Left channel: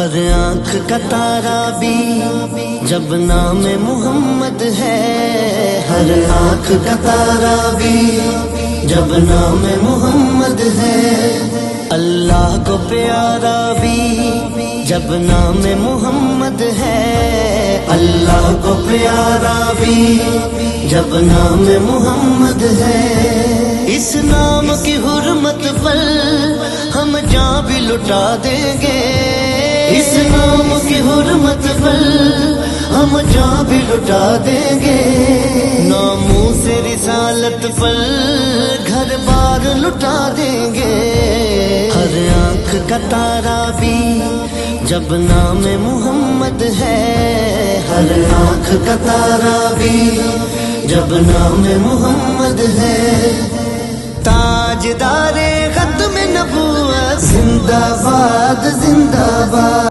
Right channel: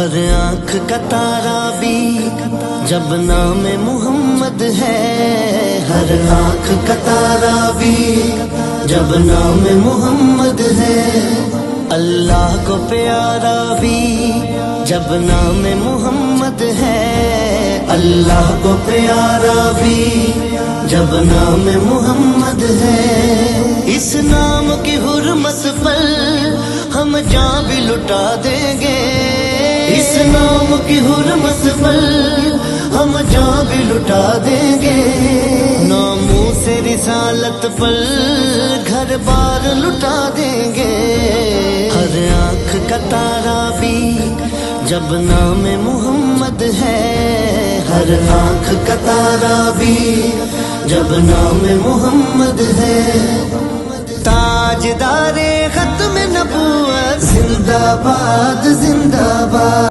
ہر آنکھ کا تارا بھی جب نام محمد ہے، ہر آنکھ کا تارا بھی جب نام محمد ہے، اللہ کو پیارا بھی جب نام محمد ہے، اللہ کو پیارا بھی جب نام محمد ہے۔ اس نام کی حرمت پر ہم جان بھی لٹا دیں گے، اس نام کی حرمت پر ہم جان بھی لٹا دیں گے، ناموں سے رسالت پر گھر بار لٹا دیں گے۔ ہر آنکھ کا تارا بھی جب نام محمد ہے، ہر آنکھ کا تارا بھی جب نام محمد ہے، تاجدار ختم نبوت زندہ باد زندہ باد۔